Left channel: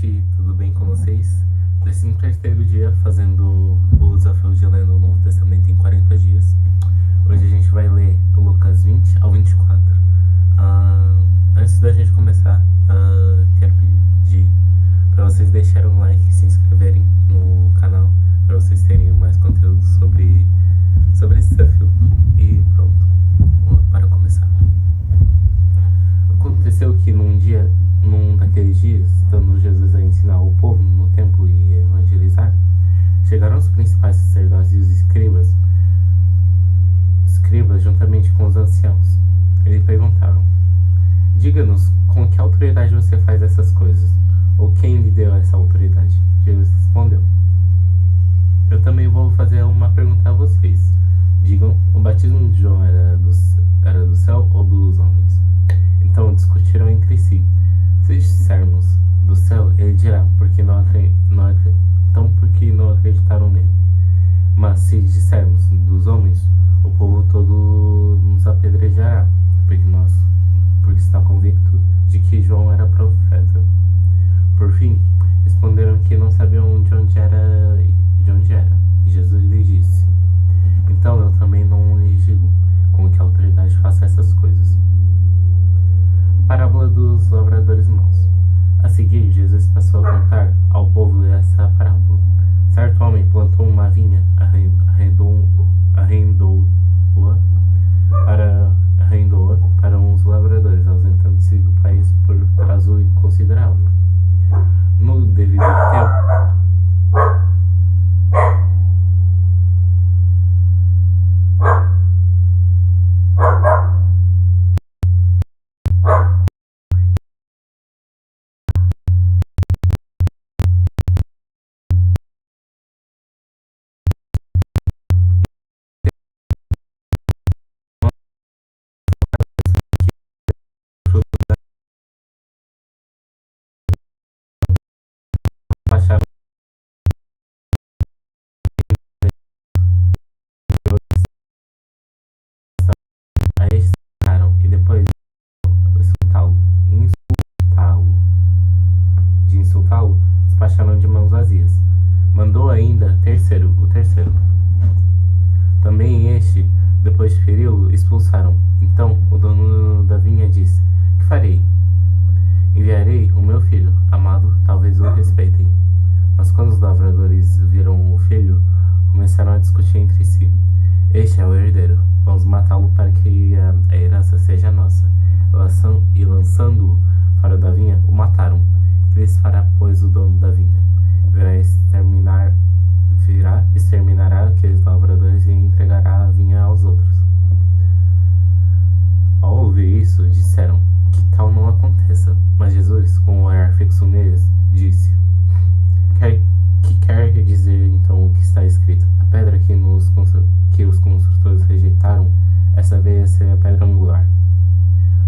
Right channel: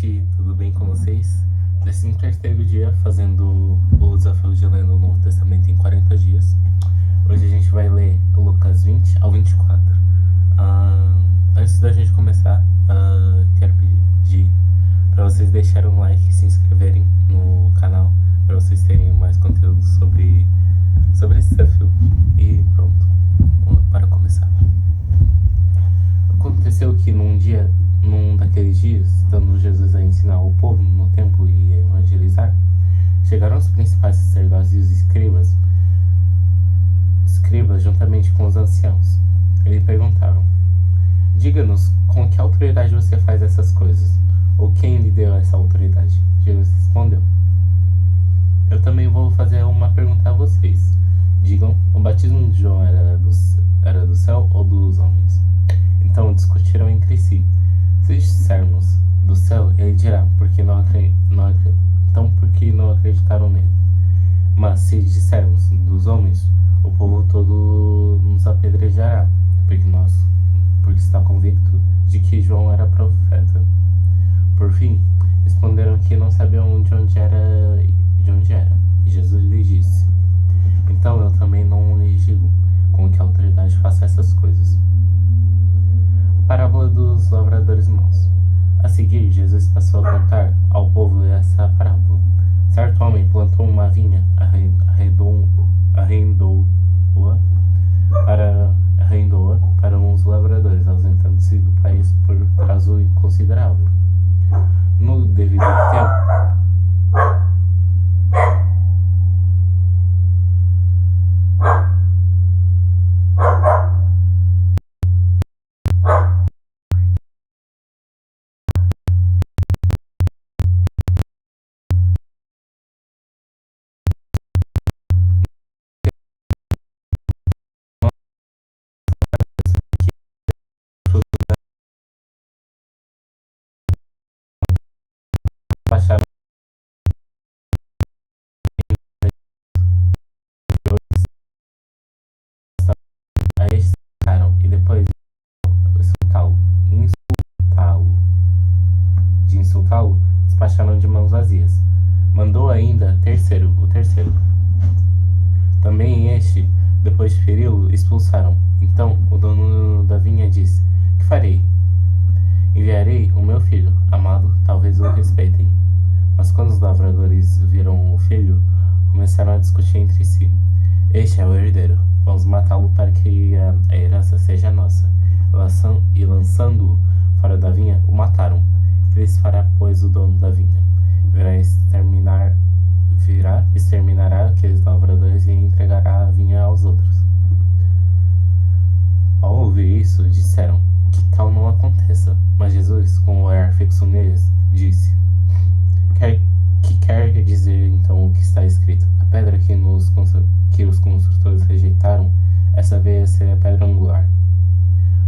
gente, tudo bem com vocês? 13º dia fazendo o desafio de ler o Novo Testamento em 40 dias. Hoje a gente vai ler Lucas 20 ao 24. Antes da gente começar, quero pedir para vocês deixarem um like e se inscreverem no canal para vocês terem mais conteúdo sobre esse desafio. E pronto, para começar. Aconteceu que num daqueles dias, estando Jesus a ensinar o povo no templo e evangelizar, chegaram os principais sacerdotes e os escribas juntamente com os anciãos. Eles perguntaram: diga-nos, com que autoridade você faz essas coisas? Ou quem lhe deu essa autoridade? Jesus respondeu: eu também vou fazer uma pergunta a vocês. Digam, o batismo de João era do céu ou dos homens? Então discutiram entre si. Se dissermos do céu, ele dirá, porque não acreditaram nele. Mas se dissermos dos homens, o povo todo nos apedrejará, porque está convicto de que João era profeta. Por fim, responderam que não sabiam de onde era. E Jesus lhes disse: então eu também não lhes digo com que autoridade faço essas coisas. Parábola dos lavradores maus. A seguir, Jesus passou a contar ao povo essa parábola. Certo homem plantou uma vinha, arrendou-a para uns lavradores, ausentando-se do país por prazo considerável. No devido tempo, baixaram a este e depois de insultá-lo, despacharam de mãos vazias. Mandou ainda o terceiro. Também este, depois de feri-lo, expulsaram. Então o dono da vinha disse: que farei? Enviarei o meu filho, amado, talvez o respeitem. Mas quando os lavradores viram o filho, começaram a discutir entre si. Este é o herdeiro, vamos matá-lo para que a herança seja nossa. E lançando-o fora da vinha, o mataram. Que lhes fará, pois, o dono da vinha? Exterminará aqueles lavradores e entregará a vinha aos outros. Ao ouvir isso, disseram: que tal não aconteça. Mas Jesus, com o olhar fixo neles, disse: que quer dizer então o que está escrito? A pedra que os construtores rejeitaram, essa veio a ser a pedra angular.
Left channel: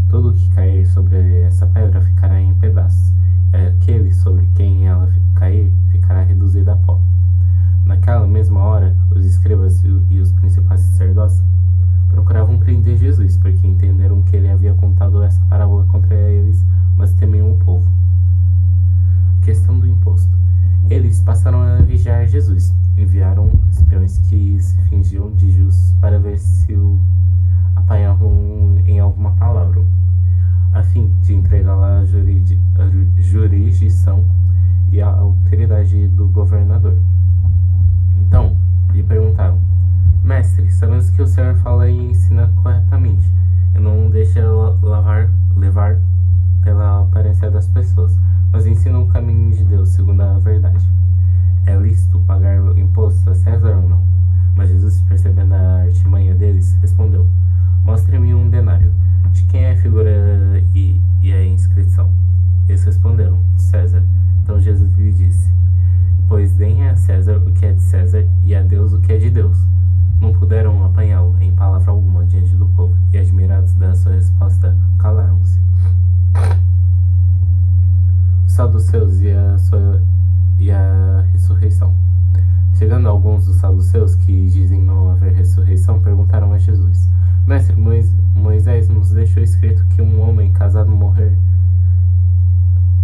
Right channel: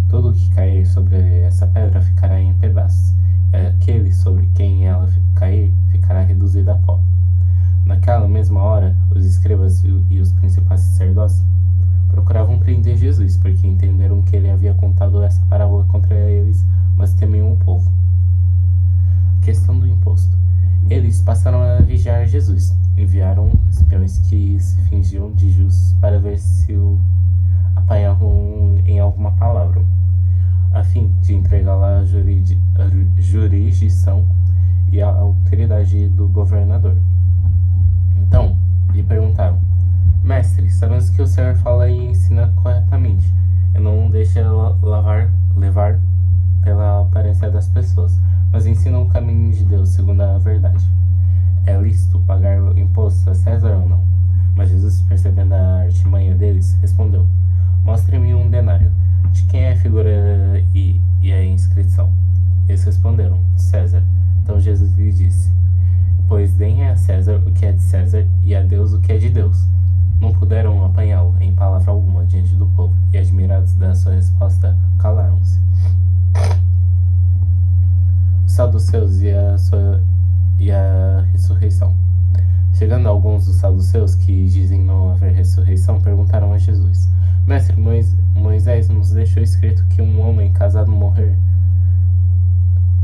Todo o que cair sobre essa pedra ficará em pedaços. Aquele sobre quem ela cair ficará reduzido a pó. Naquela mesma hora, os escribas e os principais sacerdotes procuravam prender Jesus, porque entenderam que ele havia contado essa parábola contra eles, mas temiam o povo. Questão do imposto. Eles passaram a vigiar Jesus. Enviaram espiões que se fingiam de justos para ver se o apanhavam em alguma palavra, a fim de entregá-la à jurisdição e à autoridade do governador. Então, lhe perguntaram: mestre, sabemos que o Senhor fala e ensina corretamente, e não deixa levar pela aparência das pessoas, mas ensina o caminho de Deus segundo a verdade. É lícito pagar imposto a César ou não? Mas Jesus, percebendo a artimanha deles, respondeu: mostre-me um denário. De quem é a figura e a inscrição? Eles responderam: de César. Então Jesus lhe disse: pois deem a César o que é de César e a Deus o que é de Deus. Não puderam apanhá-lo em palavra alguma diante do povo, e admirados da sua resposta, calaram-se. Os saduceus e a ressurreição. Chegando alguns dos saduceus, que dizem não haver ressurreição, perguntaram a Jesus: mestre, Moisés nos deixou escrito que um homem casado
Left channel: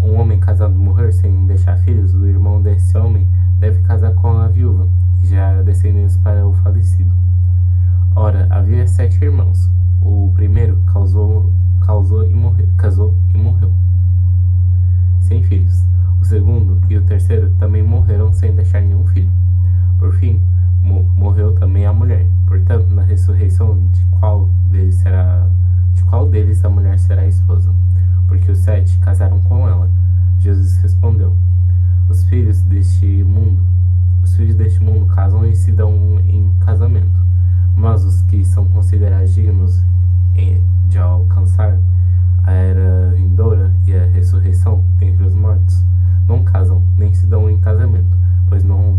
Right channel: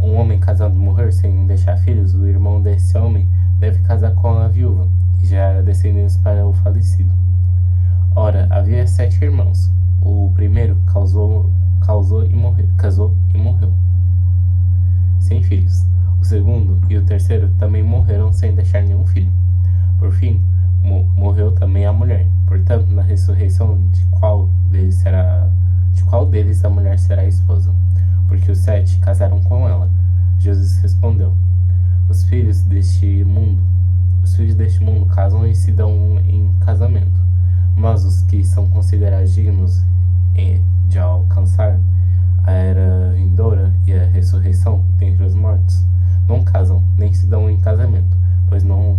um homem casado morrer sem deixar filhos, o irmão desse homem deve casar com a viúva e gerar descendentes para o falecido. Ora, havia 7 irmãos. O primeiro casou e morreu, sem filhos. O segundo e o terceiro também morreram sem deixar nenhum filho. Por fim, morreu também a mulher. Portanto, na ressurreição, de qual deles a mulher será a esposa? Porque os 7 casaram com ela. Jesus respondeu: Os filhos deste mundo casam e se dão em casamento, mas os que são considerados dignos de alcançar a era vindoura e a ressurreição dentre os mortos não casam, nem se dão em casamento, pois não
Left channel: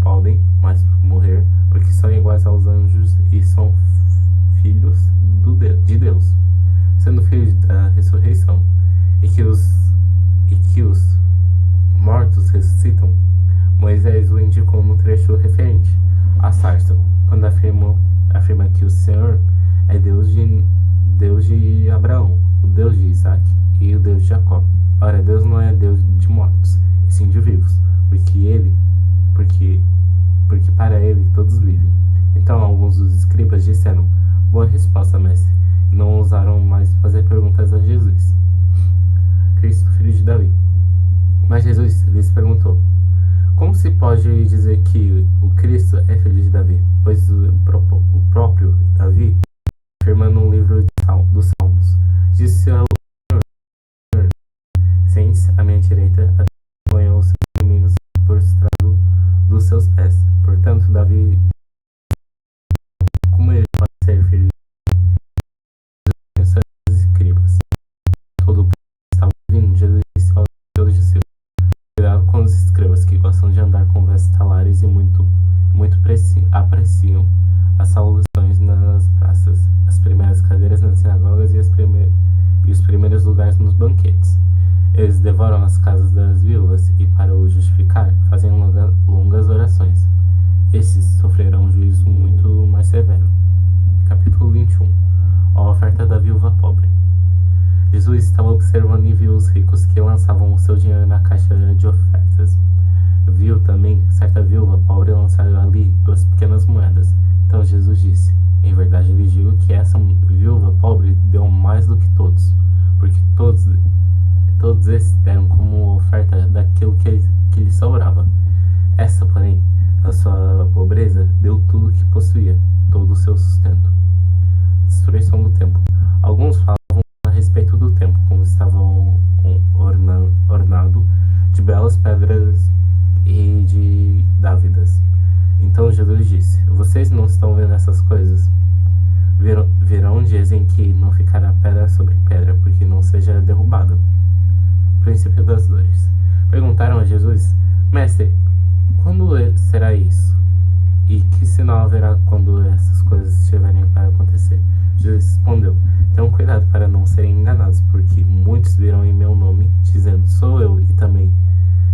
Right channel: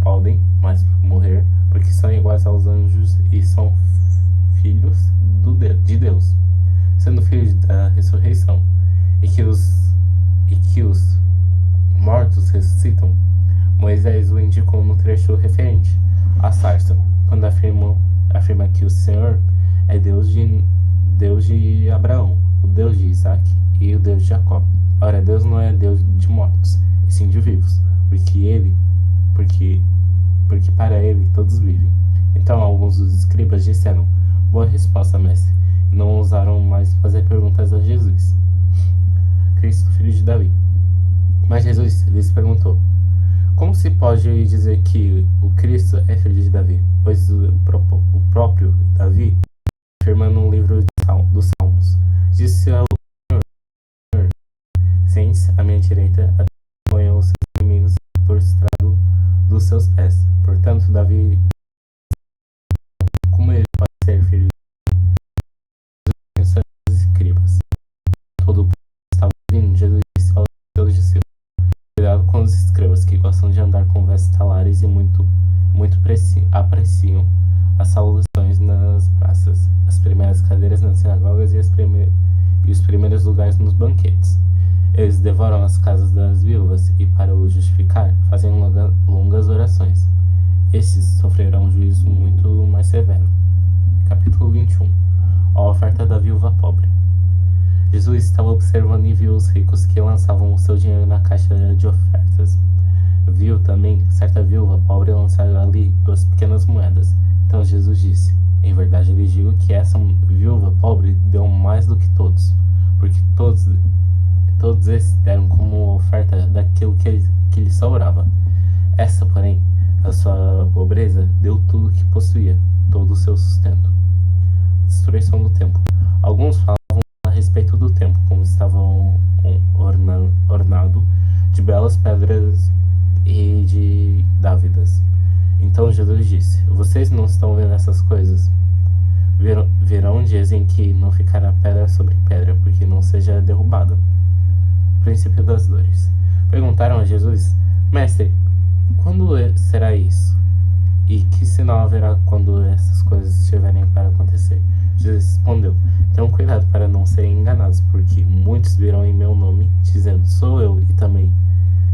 podem mais morrer, porque são iguais aos anjos e são filhos de Deus, sendo filhos da ressurreição, e que os mortos ressuscitam. Moisés o indicou no trecho referente à sarça, quando afirma que o Senhor é Deus de Abraão, o Deus de Isaac e o Deus de Jacó. Ora, Deus não é Deus de mortos, e sim de vivos, porque para ele todos vivem. Então alguns dos escribas disseram: Boa resposta, mestre, e não ousaram mais fazer perguntas a Jesus. Cristo, filho de Davi. Mas Jesus lhes perguntou: Como se pode dizer que o Cristo é filho de Davi? Pois o próprio Davi afirma no livro dos Salmos: Disse ao Senhor: Sente-se à minha direita, até que ponha os seus inimigos por estrado dos seus pés. Portanto, Davi, como ele pode ser filho de seus escribas? Todo o povo estava ouvindo. Jesus disse aos seus discípulos: Cuidado com os escribas, que gostam de andar com vestes talares e muito apreciam as saudações nas praças, as primeiras cadeiras nas sinagogas e os primeiros lugares nos banquetes. Eles devoram as casas das viúvas e, para o justificar, fazem longas orações. Esses sofrerão um juízo muito mais severo. Capítulo 21. A oferta da viúva pobre. Jesus estava observando e viu os ricos que lançavam o seu dinheiro na caixa de ofertas. Viu também certa viúva pobre lançar ali 2 pequenas moedas. Então Jesus disse: Em verdade lhes digo que essa viúva pobre deu mais do que todos, porque todos esses deram como oferta daquilo que lhe sobrava. Essa, porém, a sua pobreza, deu tudo o que possuía, todo o seu sustento. Destruição do templo. Alguns falavam a respeito do templo, como estava ornado de belas pedras e de dávidas. Então Jesus disse: Vocês não estão vendo essas coisas? Virão dias em que não ficará pedra sobre pedra, porque não seja derrubada. Princípio das dores. Perguntaram a Jesus: Mestre, quando será isso? E que sinal haverá quando essas coisas estiverem para acontecer? Jesus respondeu: Tenham cuidado para não serem enganados, porque muitos virão em meu nome, dizendo: Sou eu, e também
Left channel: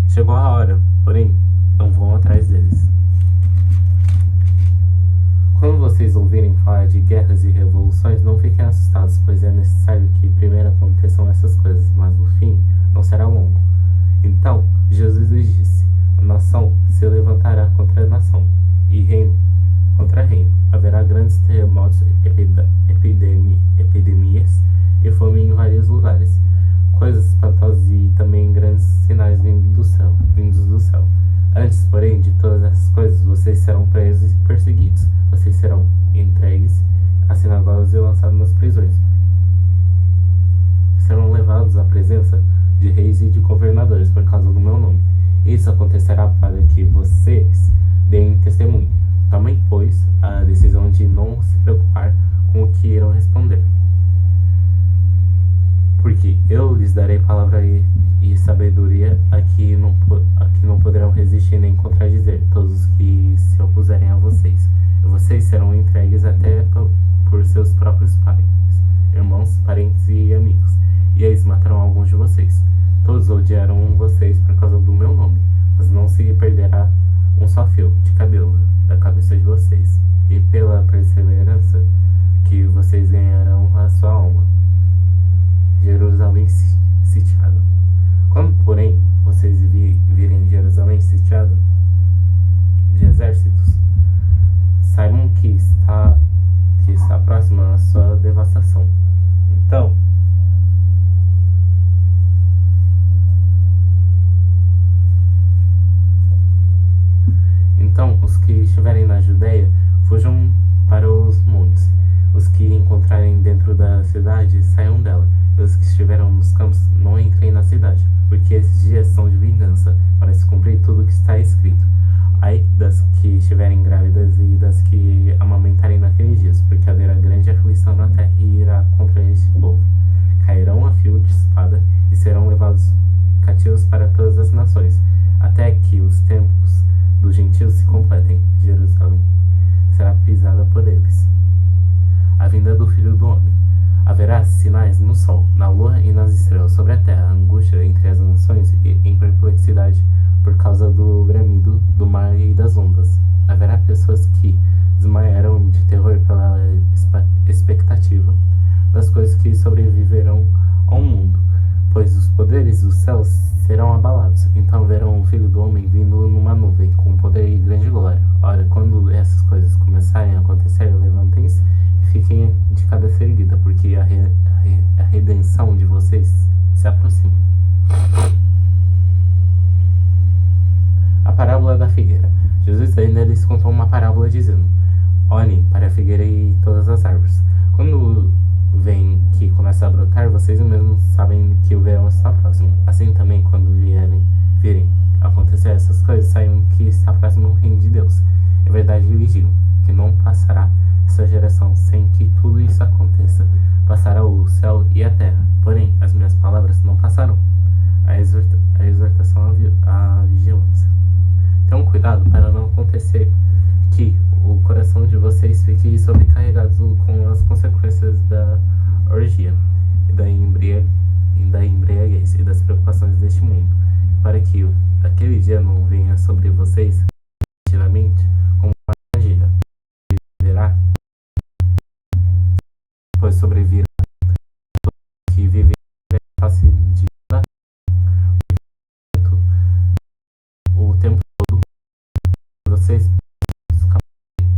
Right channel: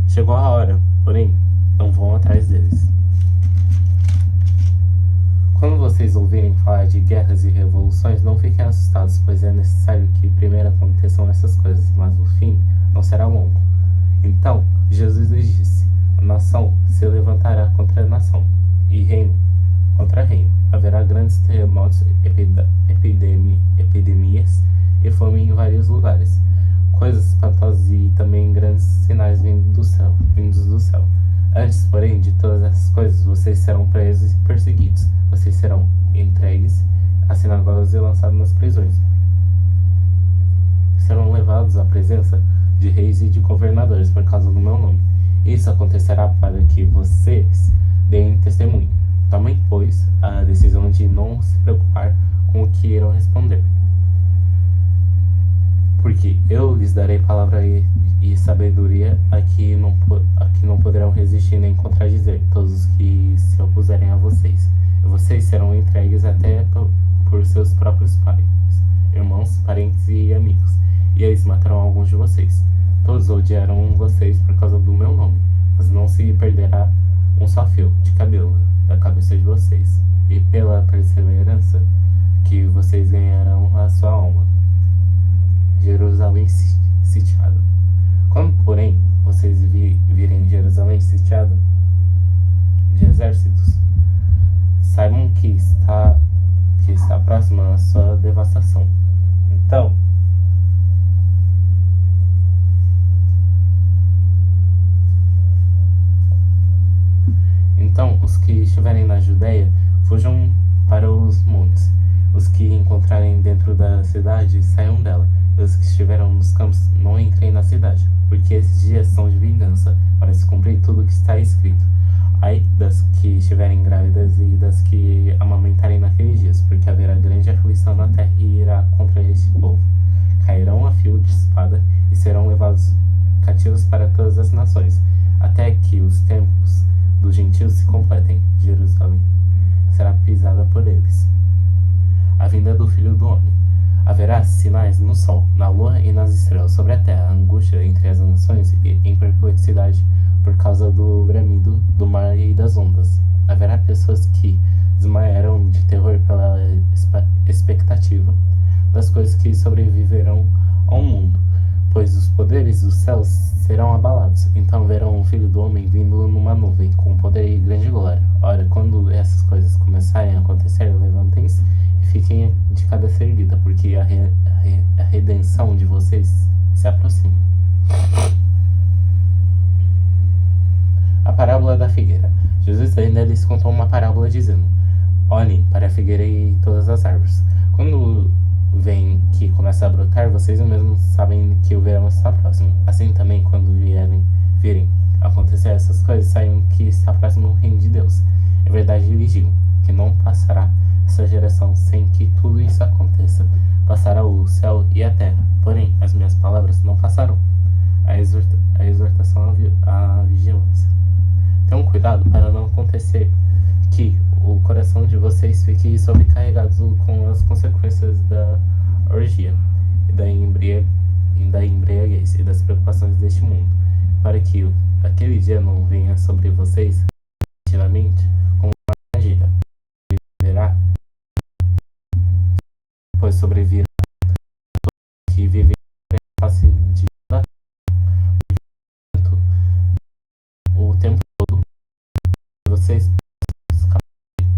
chegou a hora, porém não vão atrás deles. Quando vocês ouvirem falar de guerras e revoluções, não fiquem assustados, pois é necessário que primeiro aconteçam essas coisas, mas o fim não será longo. Então Jesus lhes disse: A nação se levantará contra a nação, e reino contra reino. Haverá grandes terremotos, epidemias e fome em vários lugares. Coisas espantosas e também grandes sinais vindos do céu. Antes, porém, de todas essas coisas, vocês serão presos e perseguidos. Vocês serão entregues às sinagogas e lançados nas prisões. Serão levados à presença de reis e de governadores por causa do meu nome. Isso acontecerá para que vocês deem testemunho. Tomem, pois, a decisão de não se preocupar com o que irão responder, porque eu lhes darei palavra e sabedoria a que não poderão resistir nem contradizer todos os que se opuserem a vocês. E vocês serão entregues até por seus próprios pais, irmãos, parentes e amigos, e eles matarão alguns de vocês. Todos odiarão vocês por causa do meu nome, mas não se perderá um só fio de cabelo da cabeça de vocês, e pela perseverança que vocês ganharão a sua alma. Jerusalém sitiada. Quando, porém, vocês virem Jerusalém sitiada de exércitos, saibam que está próxima a sua devastação. Então, os que estiverem na Judéia, fujam para os montes. Os que encontrarem dentro da cidade, saiam dela. Os que estiveram nos campos, não entrem na cidade, porque esses dias são de vingança, para se cumprir tudo o que está escrito. Ai das que estiverem grávidas e das que amamentarem naqueles dias, porque haverá grande aflição na terra e irá contra este povo. Cairão a fio de espada e serão levados cativos para todas as nações, até que os tempos dos gentios se completem. Jerusalém será pisada por eles. A vinda do Filho do Homem. Haverá sinais no sol, na lua e nas estrelas, sobre a terra, angústia entre as nações e em perplexidade por causa do bramido do mar e das ondas. Haverá pessoas que desmaiarão de terror pela expectativa das coisas que sobreviverão ao mundo, pois os poderes dos céus serão abalados. Então verão o Filho do Homem vindo numa nuvem, com poder e grande glória. Ora, quando essas coisas começarem a acontecer, levantem-se e fiquem de cabeça erguida, porque a redenção de vocês se aproxima. A parábola da figueira. Jesus ainda lhes contou uma parábola dizendo: olhem para a figueira e todas as árvores. Quando vem que começa a brotar, vocês mesmos sabem que o verão está próximo. Assim também, quando virem acontecer essas coisas, saibam que está próximo o reino de Deus. É verdade, lhes digo, que não passará essa geração sem que tudo isso aconteça. Passará o céu e a terra, porém as minhas palavras não passarão. A exortação à vigilância. Tenham cuidado para não acontecer que o coração de vocês fique sobrecarregado com as consequências da orgia, e da embriaguez e das preocupações deste mundo, para que aquele dia não venha sobre vocês repentinamente como uma armadilha. Viverá, pois sobrevirá todo que vive em face de o tempo todo. Vocês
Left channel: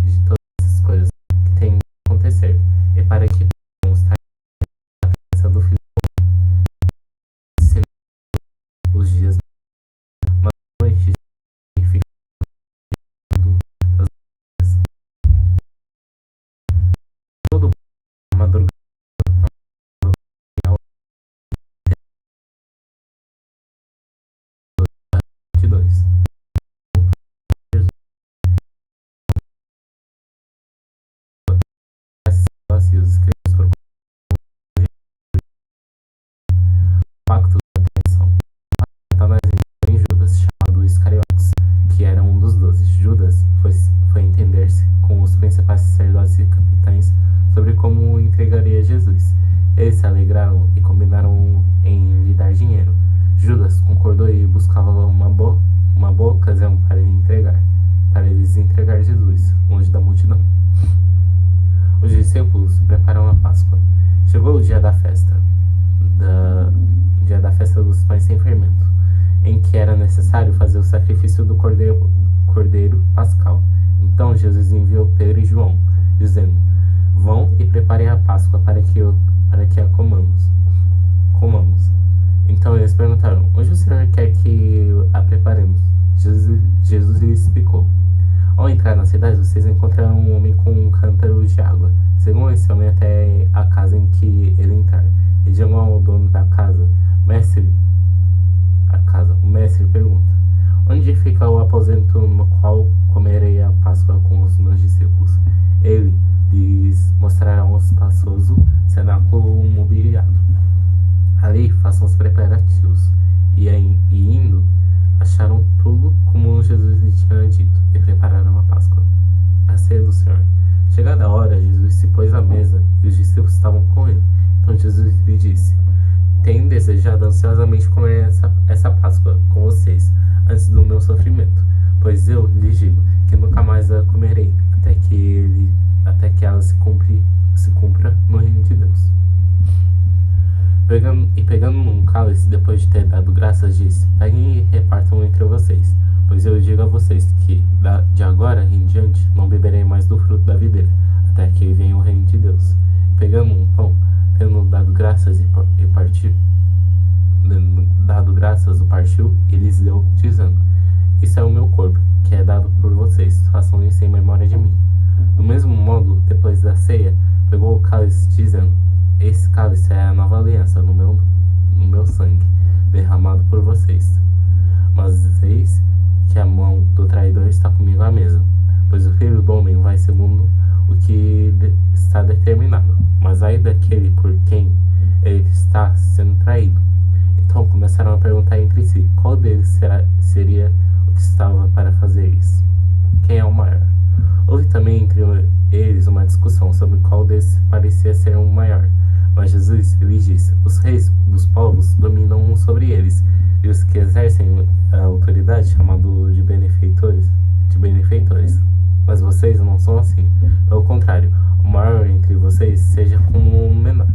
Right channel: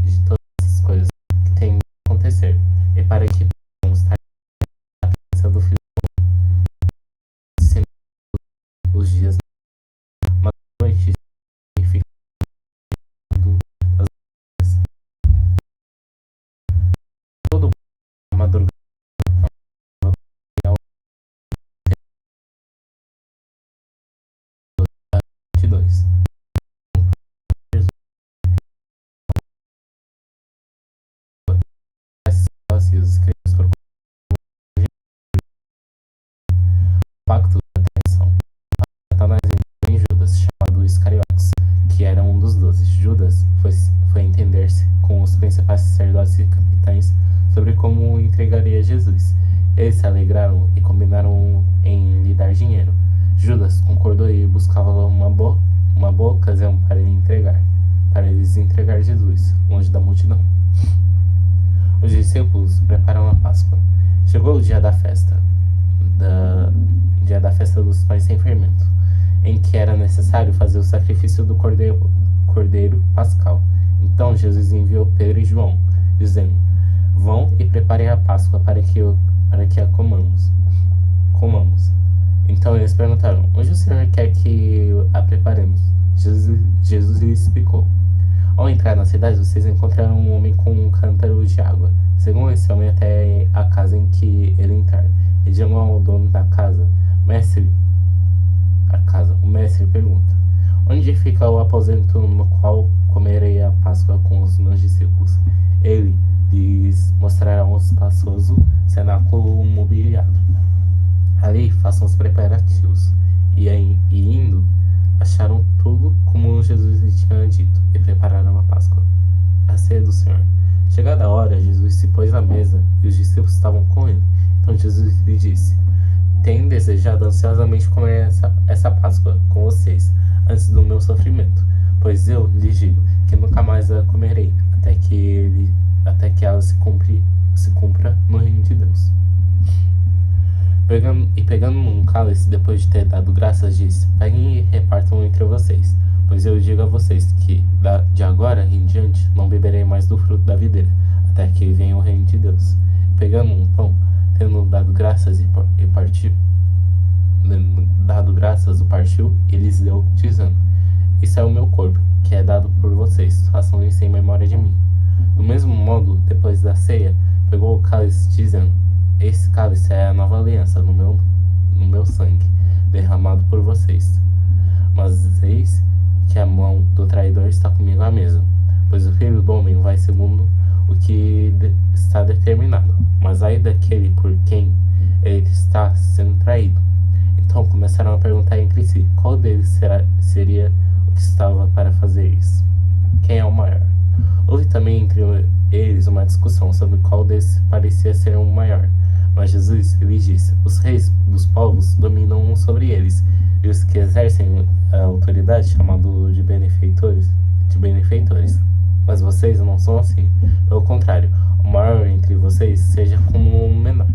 de todas essas coisas que têm de acontecer, e para que possam estar na presença do Filho os dias, mas noites significado das vezes. Todo madrugada 22. E os escritos por pacto da traição. Satanás entrou em Judas, chamado Iscariotes, que era um dos 12. Judas foi entender-se com os principais sacerdotes e capitães sobre como entregaria Jesus. Eles se alegraram e combinaram em lhe dar dinheiro. Judas concordou e buscava uma boa ocasião para eles entregar Jesus, longe da multidão. Os discípulos prepararam a Páscoa. Chegou o dia da festa dos pães sem fermento, em que era necessário fazer o sacrifício do cordeiro pascal. Então Jesus enviou Pedro e João, dizendo: vão e preparem a Páscoa para que a comamos. Então eles perguntaram: onde o Senhor quer que a preparemos? Jesus lhes explicou: ao entrar na cidade, vocês encontrarão um homem com um cântaro de água. Sigam esse homem até a casa em que ele entrar, e digam ao dono da casa: o mestre pergunta: onde fica o aposento no qual comerei a Páscoa com os meus discípulos? Ele lhes mostrará um espaçoso cenáculo mobiliado. Ali façam os preparativos. E indo, acharam tudo como Jesus lhe tinha dito, e prepararam a Páscoa, a ceia do Senhor. Chegada a hora, Jesus se pôs à mesa, e os discípulos estavam com ele. Então Jesus lhe disse: tenho desejado ansiosamente comer essa Páscoa com vocês, antes do meu sofrimento, pois eu lhes digo que nunca mais a comerei, até que ela se cumpra no reino de Deus. Pegando um cálice, depois de ter dado graças, disse: peguem e repartam entre vocês, pois eu digo a vocês que, de agora em diante, não beberei mais do fruto da videira, até que venha o reino de Deus. Pegando um pão, tendo dado graças e partiu, o partiu e lhes deu, dizendo: isso é o meu corpo, que é dado por vocês, façam isso em memória de mim. Do mesmo modo, depois da ceia, pegou o cálice, dizendo: esse cálice é a nova aliança no meu sangue, derramado por vocês. Mas eis que a mão do traidor está comigo à mesa, pois o Filho do Homem vai segundo o que está determinado. Mas ai daquele por quem ele está sendo traído. Então começaram a perguntar entre si, qual deles seria o que estava para fazer isso? Quem é o maior? Houve também entre eles uma discussão sobre qual deles parecia ser o maior. Mas Jesus lhes disse: os reis dos povos dominam sobre eles, e os que exercem a autoridade chamados de benfeitores. Mas vocês não são assim. Pelo contrário, o maior entre vocês seja como o menor,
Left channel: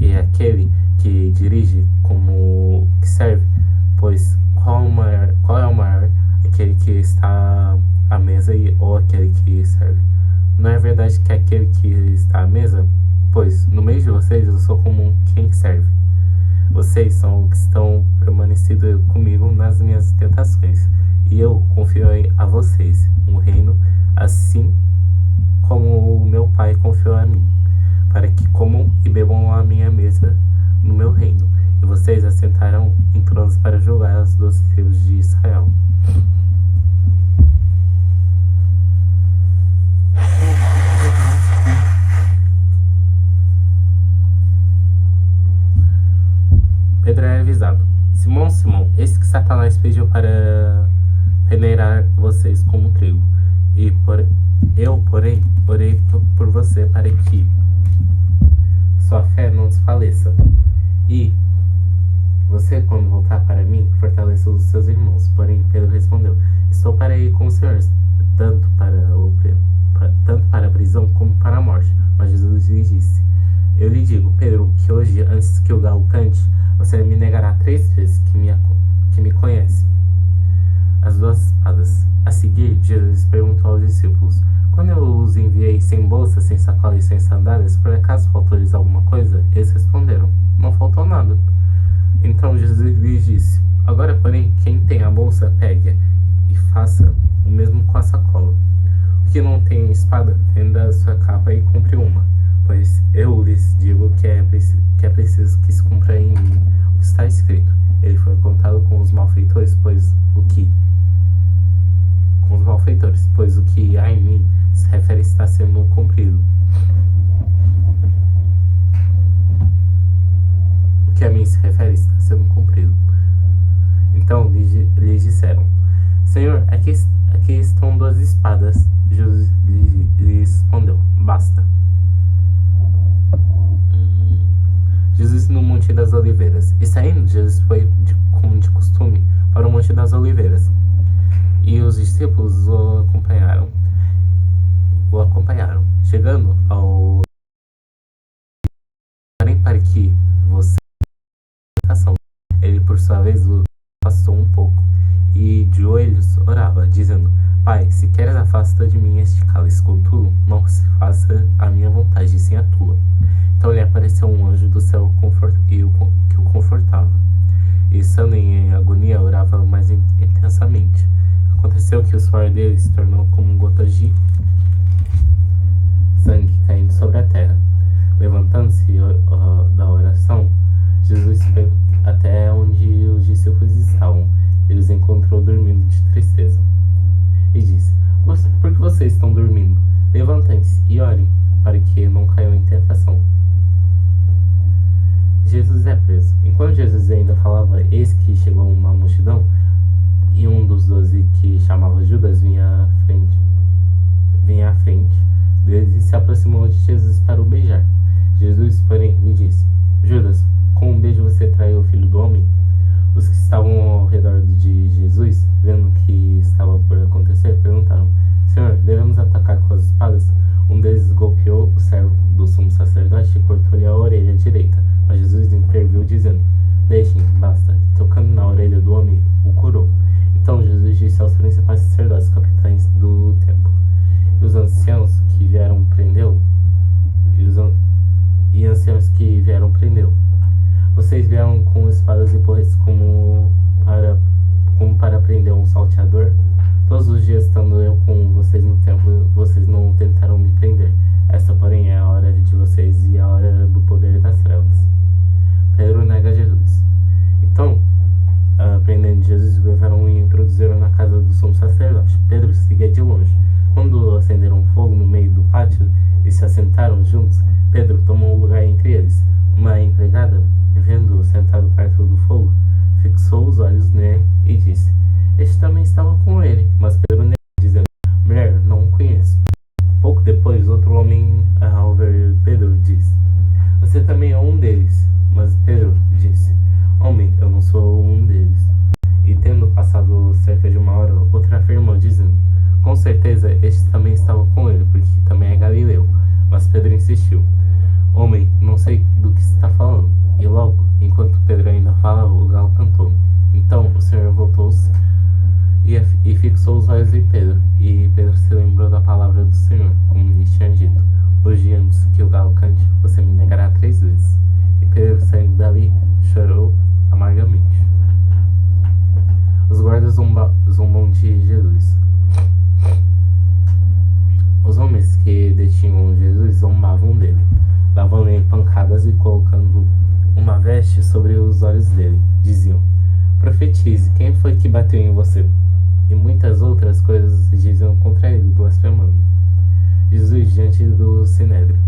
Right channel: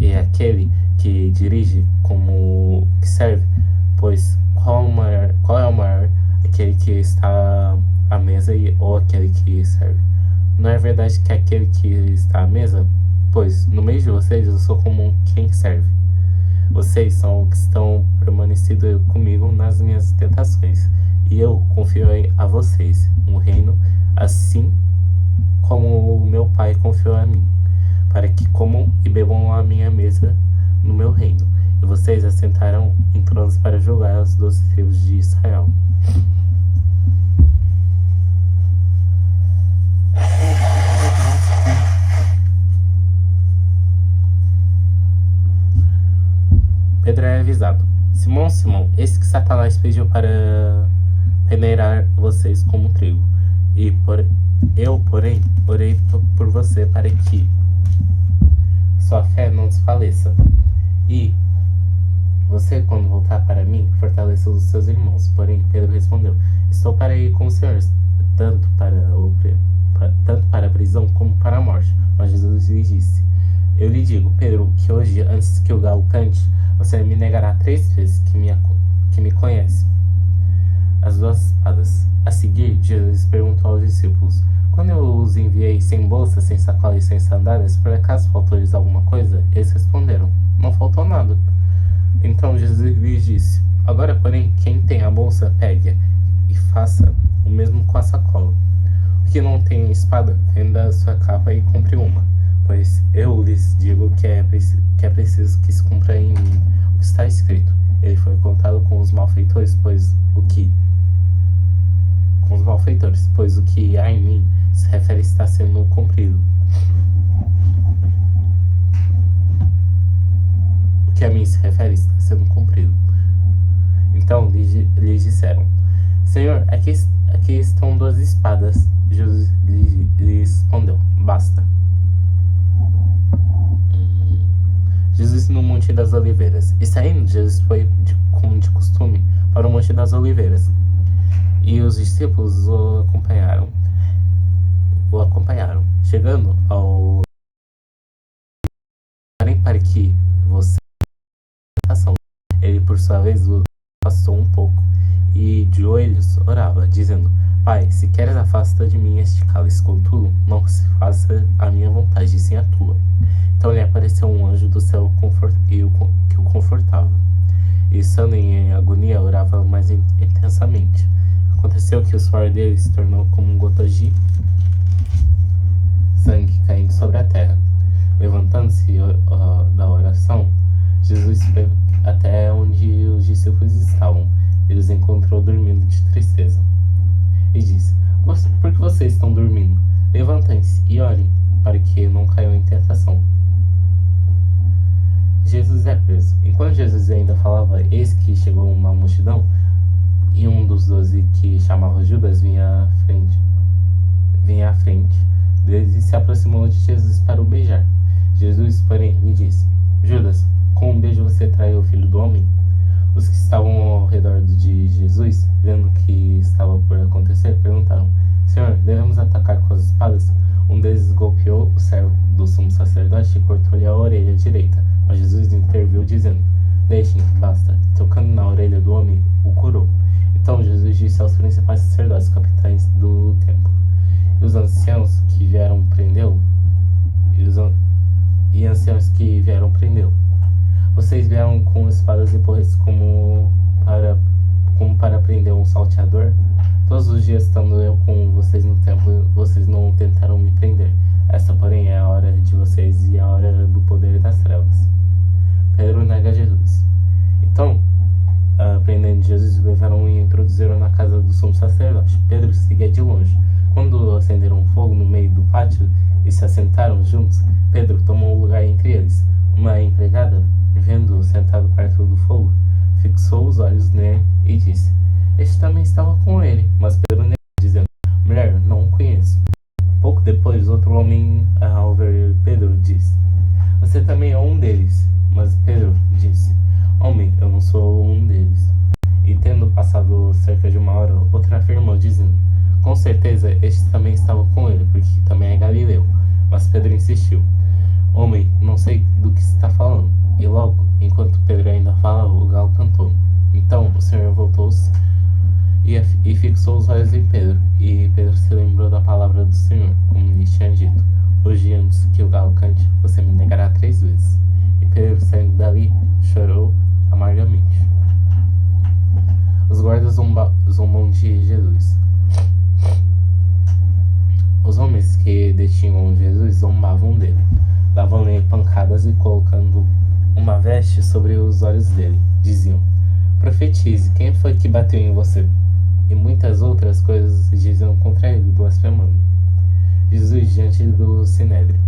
e aquele que dirige como que serve. Pois qual é o maior? Aquele que está à mesa ou aquele que serve? Não é verdade que aquele que está à mesa? Pois no meio de vocês eu sou como quem serve. Vocês são os que estão permanecido comigo nas minhas tentações, e eu confio a vocês um reino, assim como o meu Pai confiou a mim, para que comam e bebam à minha mesa no meu reino, e vocês assentarão em tronos para julgar as 12 tribos de Israel. Pedro é avisado: Simão, Simão, eis que Satanás pediu para peneirar vocês como trigo. Eu, porém, orei por você para que sua fé não desfaleça. E você, quando voltar para mim, fortaleça os seus irmãos. Porém, Pedro respondeu: estou para ir com o Senhor, tanto para a prisão como para a morte. Mas Jesus lhe disse: eu lhe digo, Pedro, que hoje, antes que o galo cante, você me negará 3 vezes que me conhece. As 2 espadas. A seguir, Jesus perguntou aos discípulos: quando eu os enviei sem bolsa, sem sacola e sem sandálias, por acaso faltou-lhes alguma coisa? Eles responderam: não faltou nada. Então Jesus lhes disse: agora, porém, quem tem a bolsa, pegue-a e faça o mesmo com a sacola. O que não tem espada, venda a sua capa e compre uma. Pois eu lhes digo que é preciso que se cumpra em mim o que está escrito. Ele foi contado com os malfeitores, pois o que há em mim se refere está sendo cumprido. O que a mim se refere está sendo cumprido. Então lhes disseram: Senhor, aqui estão 12 espadas. Jesus lhes respondeu: basta. Jesus no Monte das Oliveiras. E saindo, Jesus foi, como de costume, para o Monte das Oliveiras. E os discípulos o acompanharam. Chegando ao para que você ele por sua vez o afastou um pouco e de joelhos orava, dizendo: Pai, se queres, afasta de mim este cálice, contudo não se faça a minha vontade, sim a tua. Então lhe apareceu um anjo do céu que o confortava. E estando em agonia, orava mais intensamente. Aconteceu que o suor dele se tornou como gotas de sangue caindo sobre a terra. Levantando-se da oração, Jesus foi até onde os discípulos estavam. Ele os encontrou dormindo de tristeza. E disse: por que vocês estão dormindo? Levantem-se e orem, para que não caiam em tentação. Jesus é preso. Enquanto Jesus ainda falava, eis que chegou uma multidão, e um dos 12, que chamava Judas, vinha à frente deles e se aproximou de Jesus para o beijar. Jesus, porém, lhe disse: Judas, com um beijo você traiu o Filho do Homem? Os que estavam ao redor de Jesus, vendo o que estava por acontecer, perguntaram: Senhor, devemos atacar com as espadas? Um deles golpeou o servo do sumo sacerdote e cortou-lhe a orelha direita. Mas Jesus interviu dizendo: Deixem, basta. Tocando na orelha do homem, o curou. Então Jesus disse aos principais sacerdotes, capitães do templo, e os anciãos que vieram prendê-lo, e anciãos que vieram prendê-lo. Vocês vieram com espadas e porretes como para prender um salteador? Todos os dias, estando eu com vocês no templo, vocês não tentaram me prender. Essa, porém, é a hora de vocês e a hora do poder das trevas. Pedro nega Jesus. Então, prendendo Jesus, levaram e introduziram na casa do sumo sacerdote. Pedro seguia de longe. Quando acenderam fogo no meio do pátio e se assentaram juntos, Pedro tomou um lugar entre eles. Uma empregada, vendo-o sentado perto do fogo, fixou os olhos nele e disse: Este também estava com ele. Mas Pedro negou, dizendo: Mulher, não o conheço. Pouco depois, outro homem, ao ver Pedro, disse: Você também é um deles. Mas Pedro disse: Homem, eu não sou um deles. E tendo passado cerca de uma hora, outro afirmou, dizendo: Com certeza este também estava com ele, porque também é galileu. Mas Pedro insistiu: Homem, não sei do que está falando. E logo, enquanto Pedro ainda falava, o galo cantou. Então o Senhor voltou-se e fixou os olhos em Pedro. E Pedro se lembrou da palavra do Senhor, como lhe tinha dito: Hoje, antes que o galo cante, você me negará 3 vezes. E Pedro, saindo dali, chorou amargamente. Os guardas zombam de Jesus. Os homens que detinham Jesus zombavam dele, davam-lhe pancadas e colocando uma veste sobre os olhos dele, diziam: Profetize, quem foi que bateu em você? E muitas outras coisas diziam contra ele, blasfemando. Jesus diante do Sinédrio.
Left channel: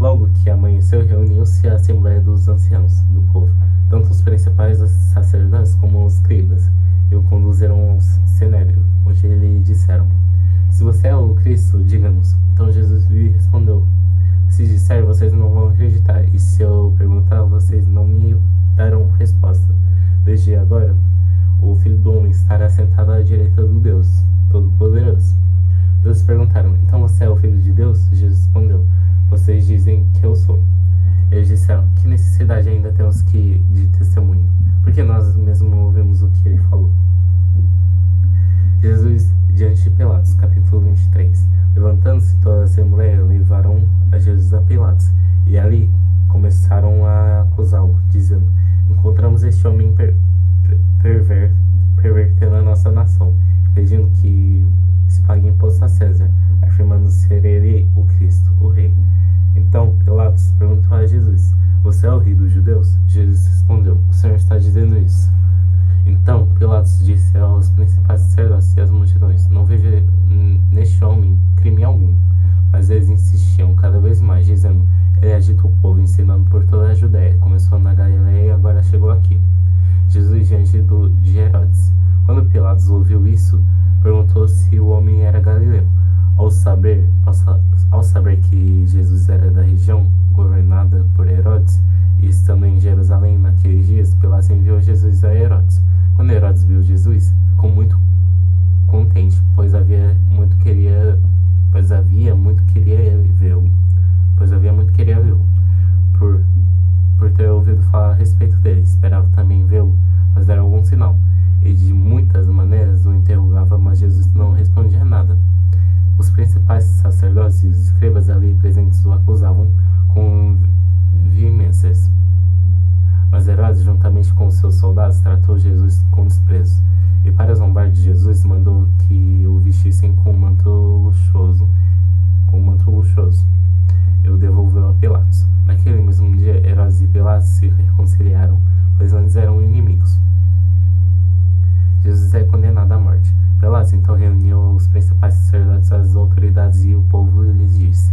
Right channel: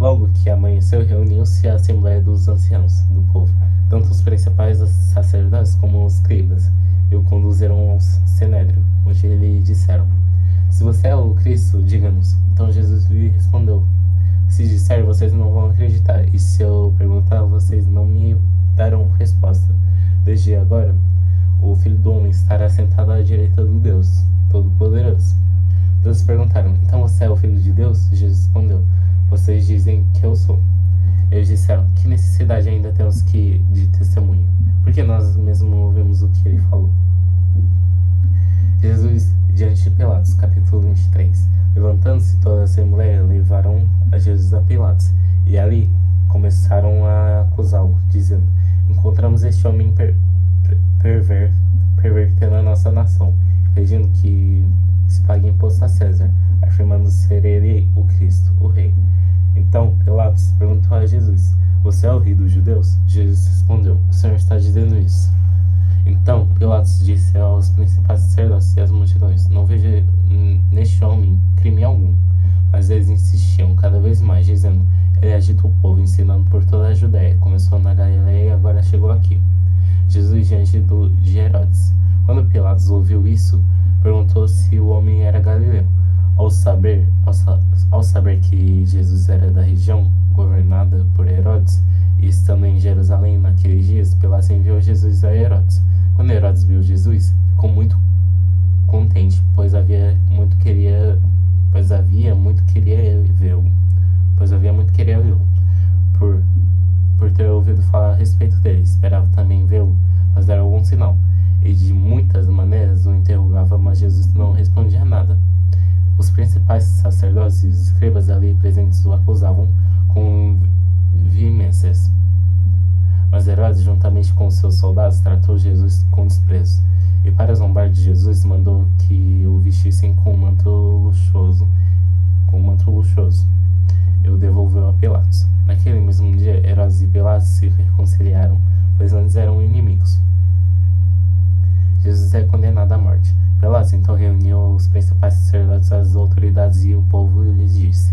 Logo que amanheceu, reuniu-se a assembleia dos anciãos do povo, tanto os principais sacerdotes como os escribas, e o conduziram ao Sinédrio, onde lhe disseram: Se você é o Cristo, diga-nos. Então Jesus lhe respondeu: Se disser, vocês não vão acreditar, e se eu perguntar, vocês não me darão resposta. Desde agora, o Filho do Homem estará sentado à direita do Deus Todo-Poderoso. Eles perguntaram: Então você é o Filho de Deus? Jesus respondeu: Vocês dizem que eu sou. Eles disseram: Que necessidade ainda temos de testemunho? Porque nós mesmos ouvimos o que ele falou. Jesus diante de Pilatos, capítulo 23. Levantando-se toda a assembleia, levaram a Jesus a Pilatos, e ali começaram a acusá-lo, dizendo: Encontramos este homem pervertendo a nossa nação, pedindo que se pague imposto a César, afirmando ser ele o Cristo, o Rei. Então Pilatos perguntou a Jesus: Você é o rei dos judeus? Jesus respondeu: O Senhor está dizendo isso. Então Pilatos disse aos principais sacerdotes e às multidões: Não vejo neste homem crime algum. Mas eles insistiam cada vez mais, dizendo: Ele agita o povo, ensinando por toda a Judéia. Começou na Galileia e agora chegou aqui. Jesus diante de Herodes. Quando Pilatos ouviu isso, perguntou se o homem era galileu. Ao saber que Jesus era da região governada por Herodes, e estando em Jerusalém naqueles dias, Pilatos enviou Jesus a Herodes. Quando Herodes viu Jesus, ficou muito contente, pois havia muito queria vê-lo. Por ter ouvido falar a respeito dele, esperava também vê-lo fazer algum sinal. E de muitas maneiras o interrogava, mas Jesus não respondia nada. Os principais sacerdotes e os escribas ali presentes o acusavam com veemências. Mas Herodes, juntamente com seus soldados, tratou Jesus com desprezo. E para zombar de Jesus, mandou que o vestissem com um manto luxuoso. E o devolveu a Pilatos. Naquele mesmo dia, Herodes e Pilatos se reconciliaram, pois antes eram inimigos. Jesus é condenado à morte. Pilatos então reuniu os principais sacerdotes, as autoridades e o povo e lhes disse:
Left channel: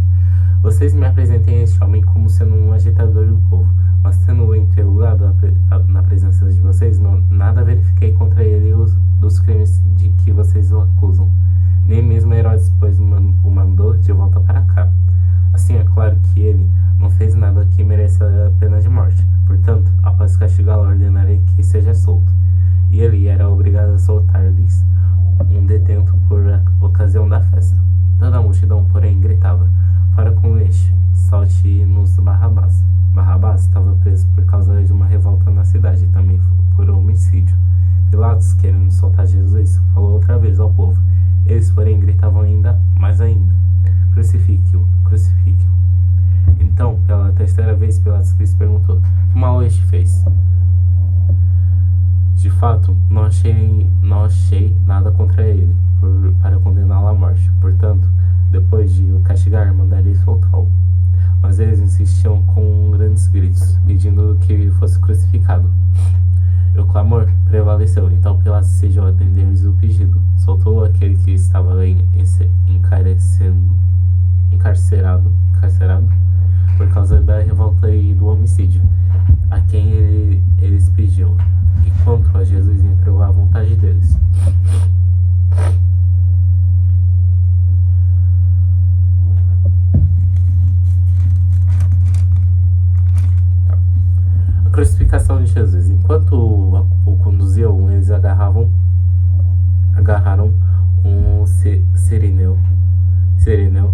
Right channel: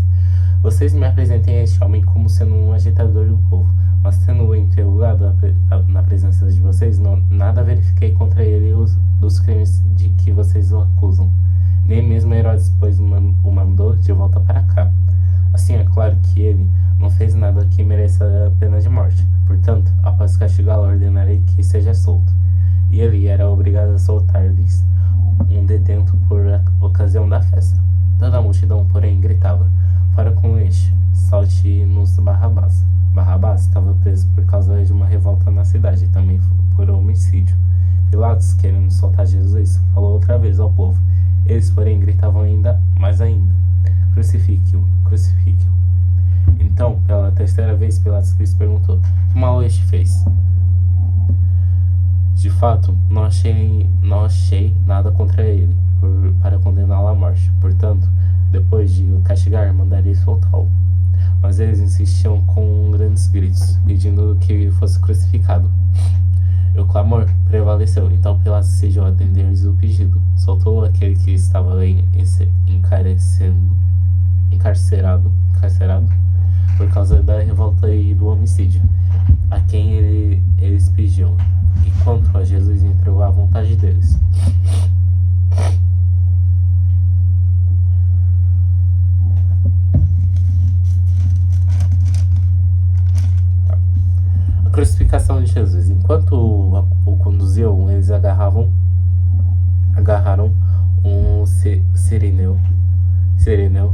Vocês me apresentem este homem como sendo um agitador do povo, mas tendo-o interrogado na presença de vocês, nada verifiquei contra ele dos crimes de que vocês o acusam. Nem mesmo Herodes, pois o mandou de volta para cá. Assim é claro que ele não fez nada que mereça a pena de morte. Portanto, após castigá-lo, ordenarei que seja solto. E ele era obrigado a soltar-lhes um detento por ocasião da festa. Toda a multidão, porém, gritava: Fora com este, solte-nos Barrabás. Barrabás estava preso por causa de uma revolta na cidade, e também por homicídio. Pilatos, querendo soltar Jesus, falou outra vez ao povo. Eles, porém, gritavam mais ainda: crucifique-o, crucifique-o. Então, pela terceira vez, Pilatos lhes perguntou: que mal este fez? De fato, não achei nada contra ele para condená-lo à morte. Portanto, depois de o castigar, mandarei soltá-lo. Mas eles insistiam com grandes gritos, pedindo que fosse crucificado. O clamor prevaleceu, então Pilatos decidiu atender-lhes o pedido. Soltou aquele que estava encarcerado por causa da revolta e do homicídio, a quem eles pediam, e quanto a Jesus entregou à vontade deles. A crucificação de Jesus. Enquanto o conduziam, eles agarraram um sirineu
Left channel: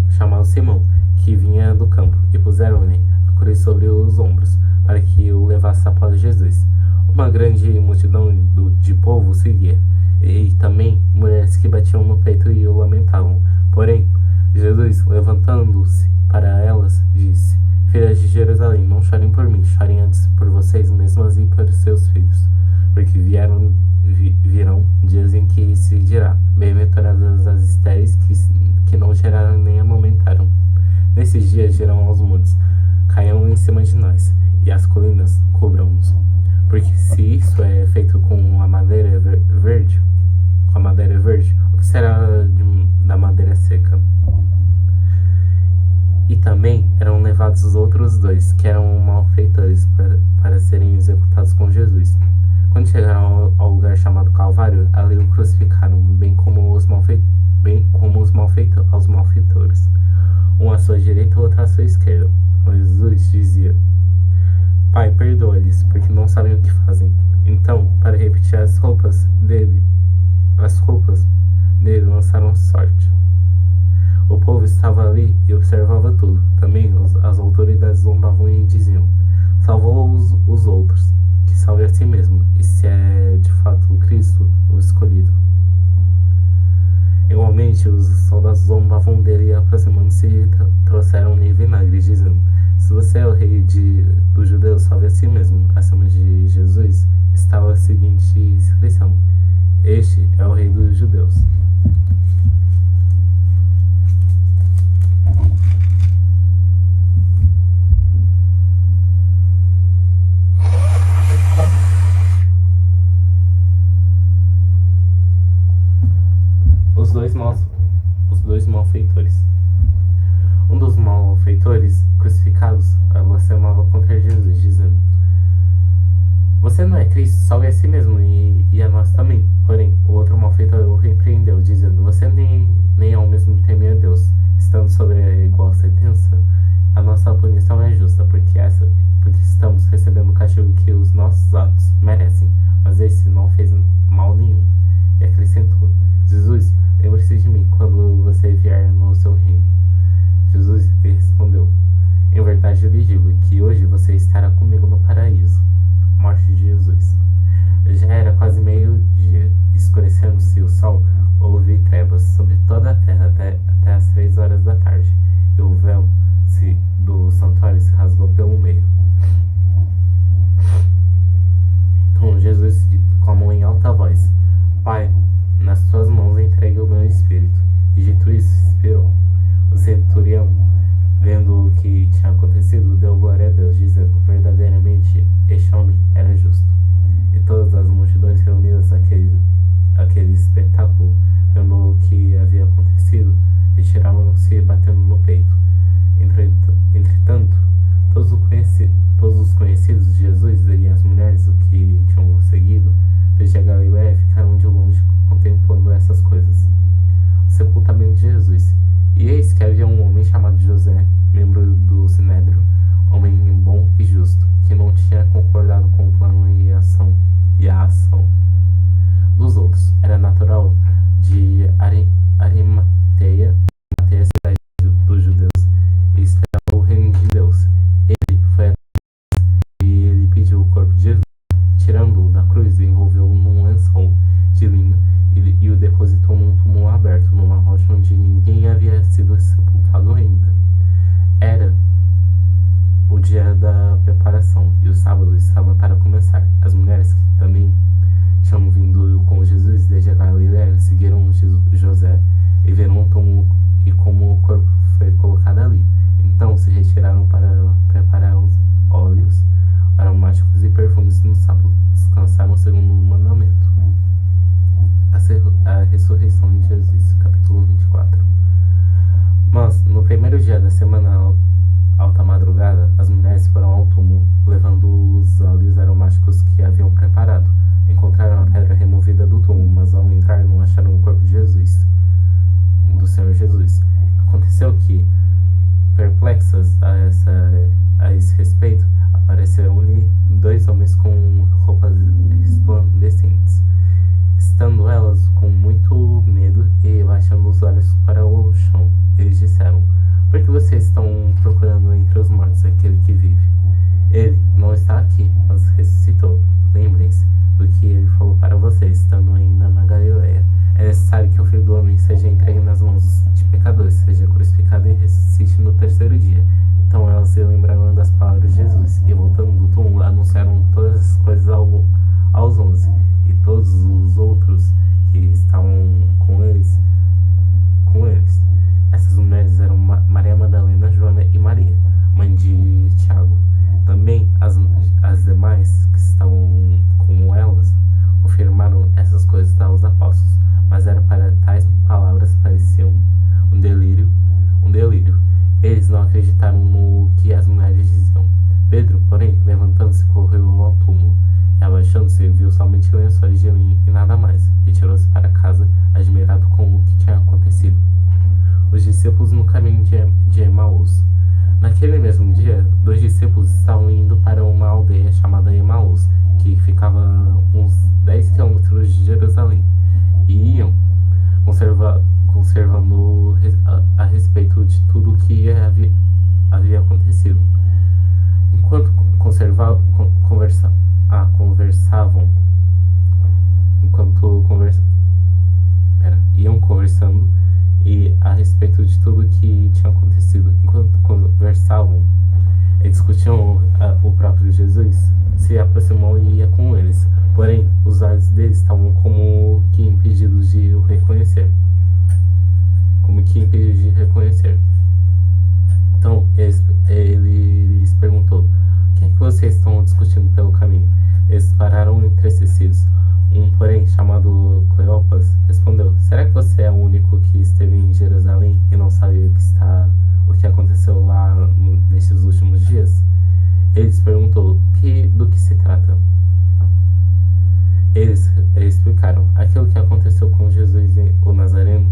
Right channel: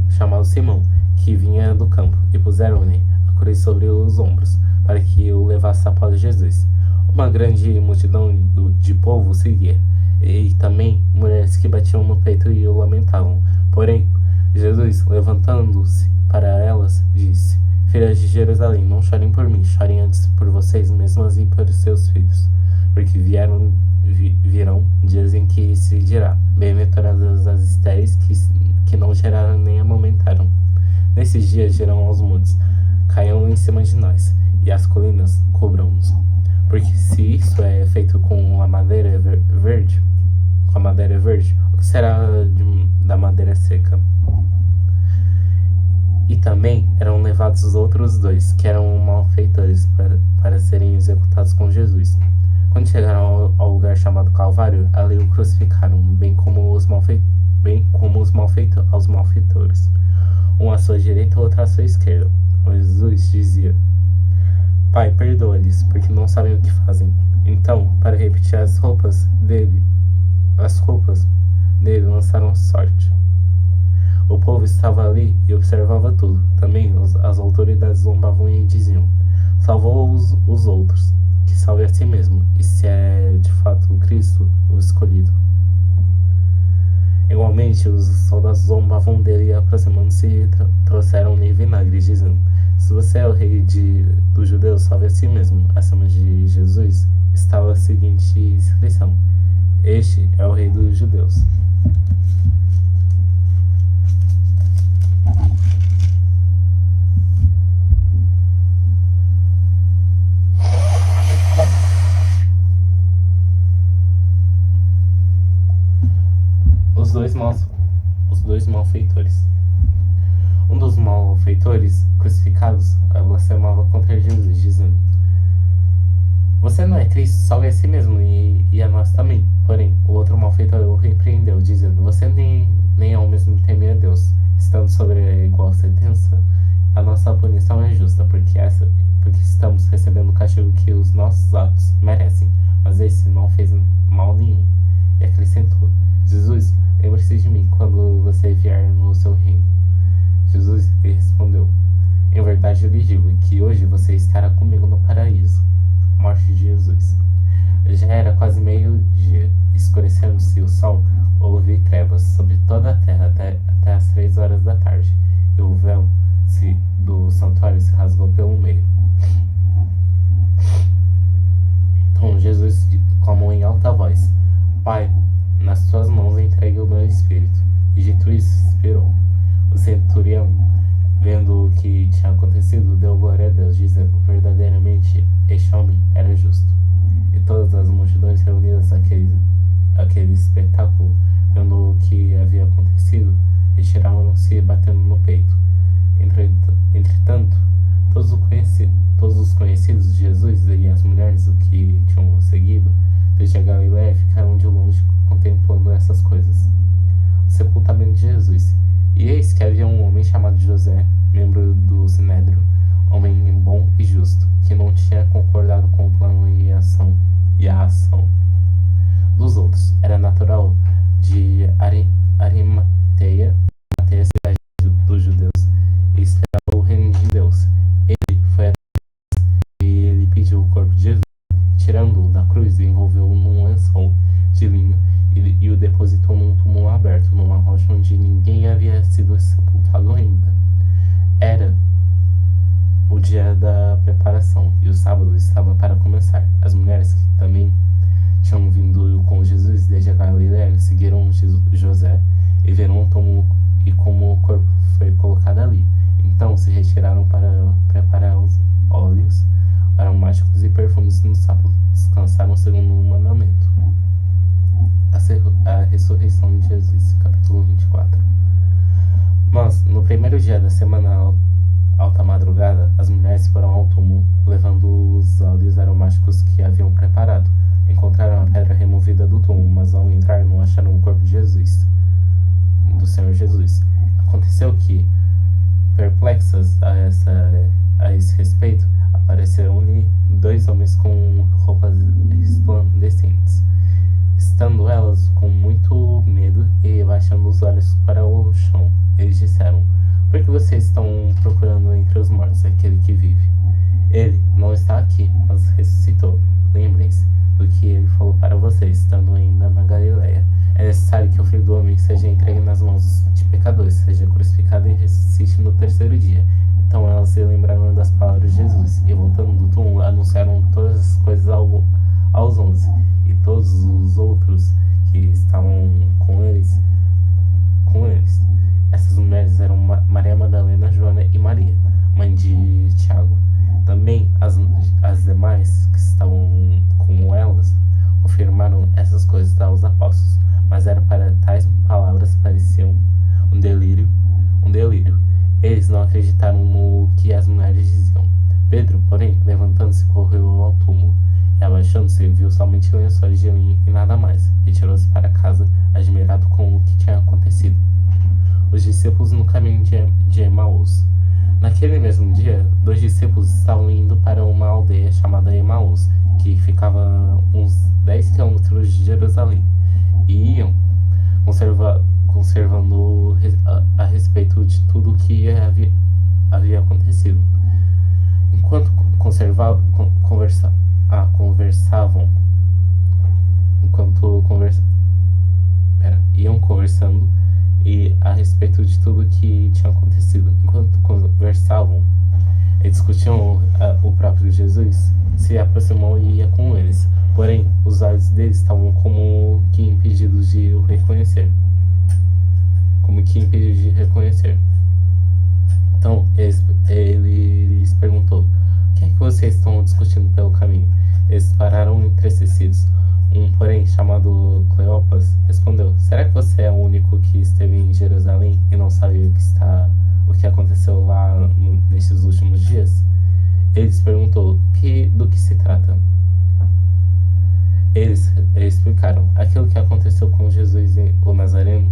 chamado Simão, que vinha do campo, e puseram-lhe a cruz sobre os ombros, para que o levasse após Jesus. Uma grande multidão de povo seguia, e também mulheres que batiam no peito e o lamentavam. Porém, Jesus, levantando-se para elas, disse: filhas de Jerusalém, não chorem por mim, chorem antes por vocês mesmas e por seus filhos, porque virão dias em que se dirá: bem-aventuradas as estéreis que não geraram nem amamentaram. Nesses dias dirão aos montes: caiam em cima de nós, e as colinas cubram-nos. Porque se isso é feito com a madeira verde, o que será da madeira seca? E também eram levados os outros dois, que eram malfeitores, para serem executados com Jesus. Quando chegaram ao lugar chamado Calvário, ali o crucificaram, bem como os malfeitores, um à sua direita e outro à sua esquerda. Jesus dizia: Pai, perdoa-lhes, porque não sabem o que fazem. Então, para repetir as roupas dele lançaram sorte. O povo estava ali e observava tudo. Também as autoridades zombavam e diziam: salvou os outros, que salve a si mesmo, e se é de fato o Cristo, o escolhido. Igualmente, os soldados zombavam dele e, aproximando-se, trouxeram-lhe vinagre, dizendo: se você é o rei dos judeus, salve a si mesmo. Acima de Jesus estava a seguinte inscrição: este é o rei dos judeus. Os dois malfeitores. Um dos malfeitores crucificados blasfemava contra Jesus, dizendo: você não é Cristo, salve a si mesmo e a nós também. Porém, o outro malfeitor o repreendeu, dizendo: você nem ao mesmo teme a Deus. Estando sobre a igual sentença, a nossa punição é justa, porque estamos recebendo o castigo que os nossos atos merecem. Mas esse não fez mal nenhum. E acrescentou: Jesus, lembre-se de mim quando você vier no seu reino. Jesus lhe respondeu: em verdade eu lhe digo que hoje você estará comigo no paraíso. Morte de Jesus. Já era quase meio-dia. Escurecendo-se o sol, houve trevas sobre toda a terra até as 3 horas da tarde, e o véu do santuário se rasgou pelo meio. Então Jesus clamou em alta voz: Pai, nas tuas mãos entregue o meu espírito. E dito isso, expirou. O centurião, vendo o que tinha acontecido, deu glória a Deus, dizendo: verdadeiramente este homem era justo. E todas as multidões reunidas àquele espetáculo, vendo o que havia acontecido, retiraram-se batendo no peito. Entretanto, todos os conhecidos de Jesus e as mulheres o que tinham seguido desde a Galiléia ficaram de longe contemplando essas coisas. O sepultamento de Jesus. E eis que havia um homem chamado José, membro do Sinédrio, homem bom e justo, que não tinha concordado com o plano e a ação dos outros. Era natural de Arimateia, cidade dos judeus, e esperava o reino de Deus. e o depositou num túmulo aberto, numa rocha onde ninguém havia sido sepultado ainda. Era o dia da preparação, e o sábado estava para começar. As mulheres que também tinham vindo com Jesus desde a Galiléia seguiram José e viram o túmulo e como o corpo foi colocado ali. Então se retiraram para preparar os óleos aromáticos e perfumes no sábado. Descansaram segundo o mandamento. A ressurreição de Jesus, capítulo 24. Mas, no primeiro dia da semana alta madrugada, as mulheres foram ao túmulo, levando os óleos aromáticos que haviam preparado. Encontraram a pedra removida do túmulo, mas ao entrar não acharam o corpo de Jesus, do Senhor Jesus. Aconteceu que, perplexas a esse respeito, apareceram-lhe 2 homens com roupas resplandecentes. Estando elas com muito medo e baixando os olhos para o chão, eles disseram: por que vocês estão procurando entre os mortos aquele que vive? Ele não está aqui, mas ressuscitou. Lembrem-se do que ele falou para vocês, estando ainda na Galiléia. É necessário que o Filho do Homem seja entregue nas mãos de pecadores, seja crucificado e ressuscite no terceiro dia. Então elas se lembraram das palavras de Jesus, e voltando do túmulo, anunciaram todas as coisas aos 11, e todos os outros que estavam com eles. Essas mulheres eram Maria Madalena, Joana e Maria, mãe de Tiago. Também as demais que estavam com elas confirmaram essas coisas aos apóstolos, mas era para tais palavras pareciam um delírio. Eles não acreditaram no que as mulheres diziam. Pedro, porém, levantando-se, correu ao túmulo, e abaixando-se, viu somente lençóis de linho e nada mais. Retirou-se para casa, admirado com o que tinha acontecido. Os discípulos no caminho de Emaús. Naquele mesmo dia, 2 discípulos estavam indo para uma aldeia chamada Emaús, que ficava uns 10 quilômetros de Jerusalém, e iam conservando a respeito de tudo o que havia acontecido. Enquanto iam conversando e a respeito de tudo o que tinha acontecido. Enquanto conversavam e discutiam o próprio Jesus, se aproximou e ia com eles. Porém, os olhos deles estavam como que impedidos de o reconhecer. Então, ele lhes perguntou: o que é que vocês estão discutindo pelo caminho? Eles pararam entristecidos. Porém, chamado Cleopas, respondeu: será que você é o único que esteve em Jerusalém e não sabe o que aconteceu lá nestes últimos dias? Ele lhes perguntou: do que se trata? Eles explicaram: aquilo que aconteceu com Jesus o Nazareno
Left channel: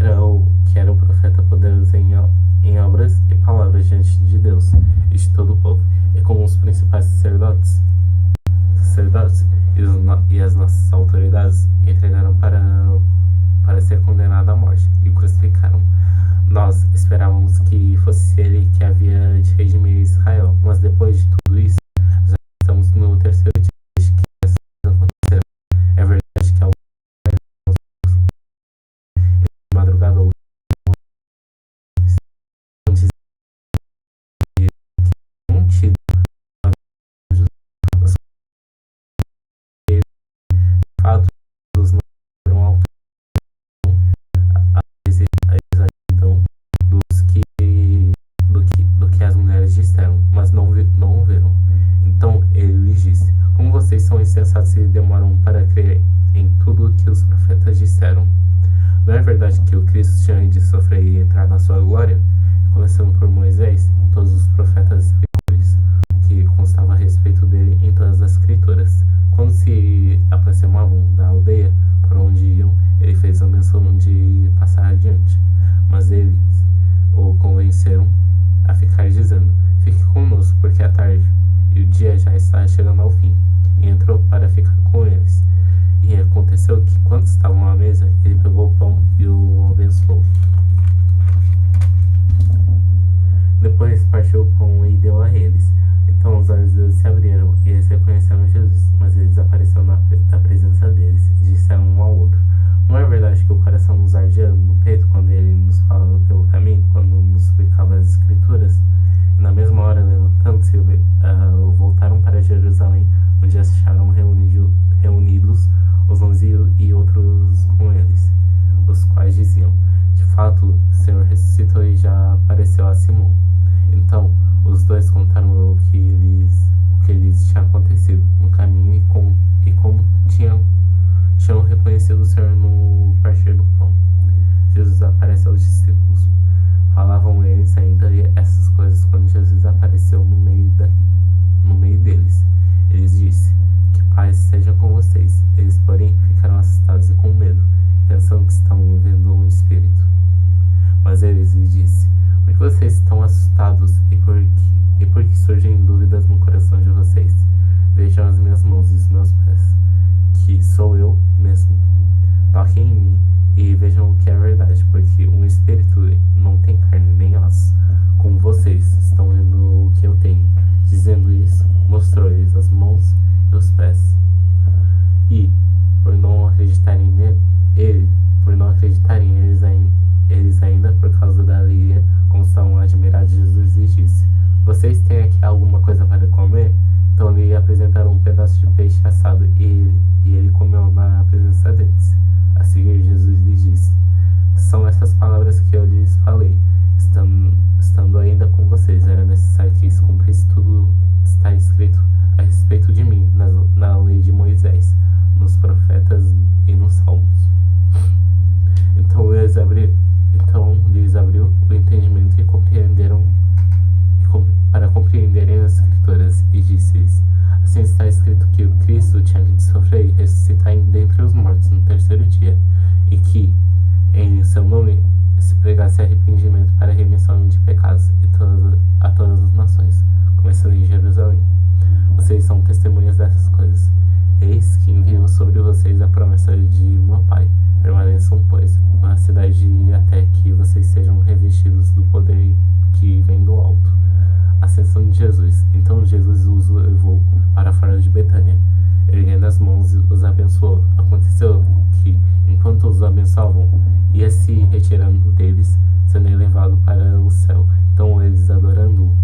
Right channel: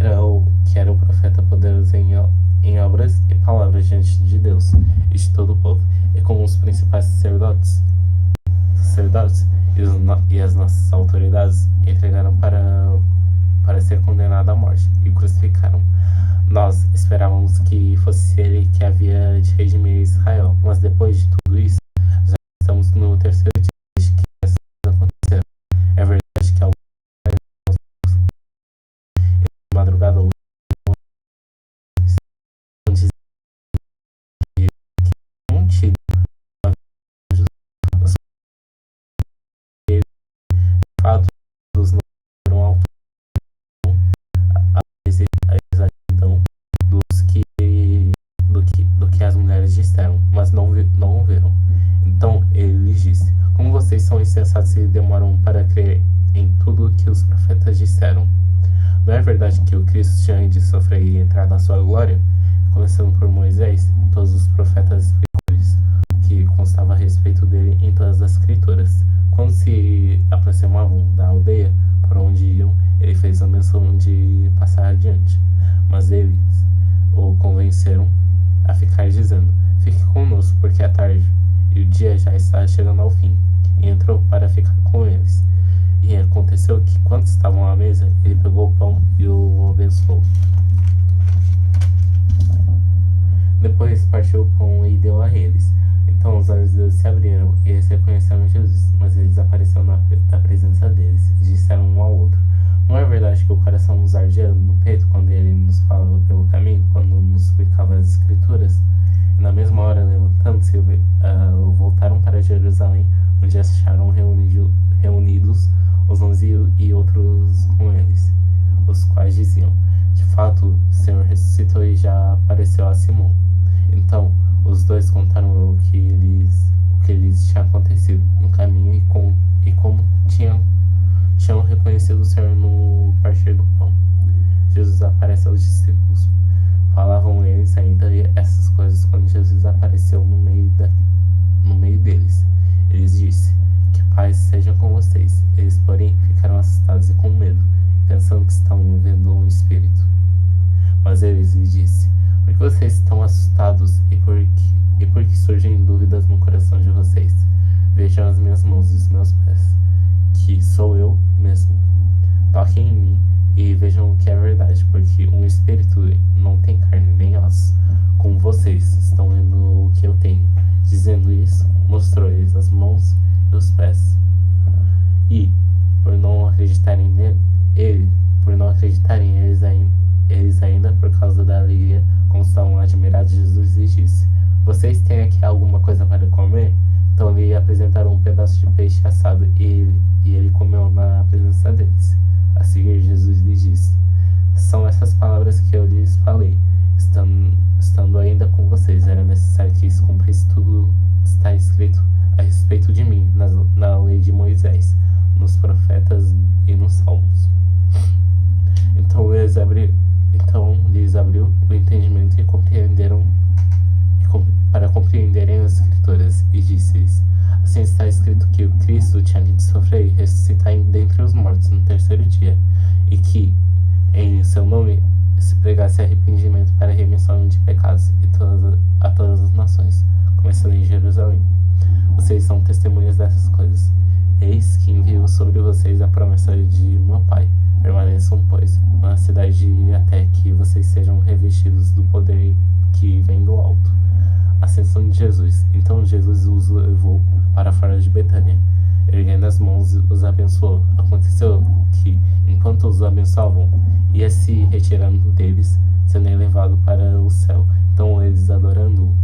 era o profeta poderoso em obras e palavras diante de Deus e de todo o povo, e como os principais sacerdotes e as nossas autoridades entregaram para ser condenado à morte e o crucificaram. Nós esperávamos que fosse ele que havia de redimir Israel, mas depois de tudo isso, já estamos no terceiro dia desde que essas coisas aconteceram. É verdade que na madrugada tido fato dos não foram a exatidão do que as mulheres disseram, mas não o viram. Então ele lhes disse: como vocês são insensatos e demoram para crer em tudo o que os profetas disseram? Não é verdade que o Cristo tinha de sofrer e entrar na sua glória? Começando por Moisés e todos os profetas que constava a respeito dele em todas as escrituras. Quando se aproximavam da aldeia por onde iam, ele fez a menção de passar adiante, mas eles o convenceram a ficar, dizendo: fique conosco, porque é tarde e o dia já está chegando ao fim. E entrou para ficar com eles. E aconteceu que, quando estavam à mesa, ele pegou o pão e o abençoou. Depois partiu o pão e deu a eles. Então os olhos deles se abriram e eles reconheceram Jesus, mas ele desapareceu da presença deles e disseram um ao outro: não é verdade que o coração nos ardia no peito quando ele nos falava pelo caminho, quando nos explicava as escrituras. E na mesma hora, levantando-se, voltaram para Jerusalém, onde acharam reunidos os 11 e outros com eles, os quais diziam: de fato, o Senhor ressuscitou e já apareceu a Simão. Então, os dois contaram o que lhes tinha acontecido no caminho e como tinham reconhecido o Senhor no partir do pão. Jesus aparece aos discípulos. Falavam eles ainda essas coisas quando Jesus apareceu no meio deles. Eles disse: que paz seja com vocês. Eles, porém, ficaram assustados e com medo, pensando que estavam vendo um espírito. Mas eles lhe disse: por que vocês estão assustados e por que surgem dúvidas no coração de vocês? Vejam as minhas mãos e os meus pés, que sou eu mesmo. Toquem em mim e vejam que é verdade, porque um espírito não tem carne nem ossos, como vocês estão vendo o que eu tenho. Dizendo isso, mostrou-lhes as mãos e os pés. E, por não acreditarem eles ainda por causa da alegria, como estavam admirados, Jesus lhes disse: vocês têm aqui alguma coisa para comer? Então lhe apresentaram um pedaço de peixe assado e ele comeu na presença deles. A seguir, Jesus lhes disse: são essas palavras que eu lhes falei, estando ainda com vocês. Era necessário que se cumprisse tudo que está escrito a respeito de mim na lei de Moisés, nos profetas e nos salmos. Então lhes abriu o entendimento e compreenderam para compreenderem as escrituras, e disse-lhes: assim está escrito que o Cristo tinha de sofrer e ressuscitar dentre os mortos no terceiro dia, e que em seu nome se pregasse arrependimento para a remissão de pecados a todas as nações, começando em Jerusalém. Vocês são testemunhas dessas coisas. Eis que envio sobre vocês a promessa de meu Pai. Permaneçam, pois, na cidade até que vocês sejam revestidos do poder que vem do alto. Ascensão de Jesus. Então Jesus os levou para fora de Betânia. Erguendo as mãos, os abençoou. Aconteceu que, enquanto os abençoavam, ia se retirando deles, sendo elevado para o céu. Então eles, adorando-o,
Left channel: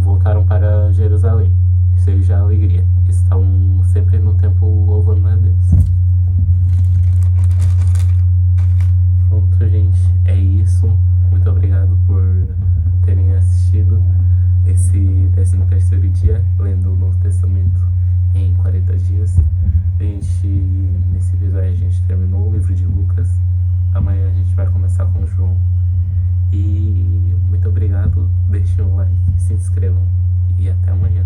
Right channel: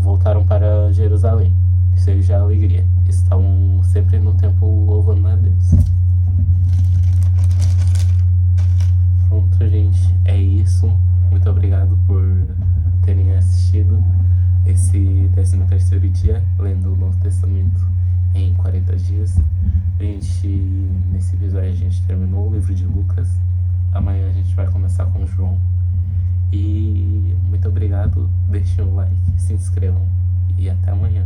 voltaram para Jerusalém, cheios de alegria. Estavam sempre no templo louvando a Deus. Pronto, gente, é isso. Muito obrigado por terem assistido esse 13º dia, lendo o Novo Testamento em 40 dias. Nesse episódio a gente terminou o livro de Lucas. Amanhã a gente vai começar com João. E muito obrigado, deixem um like, se inscrevam e até amanhã.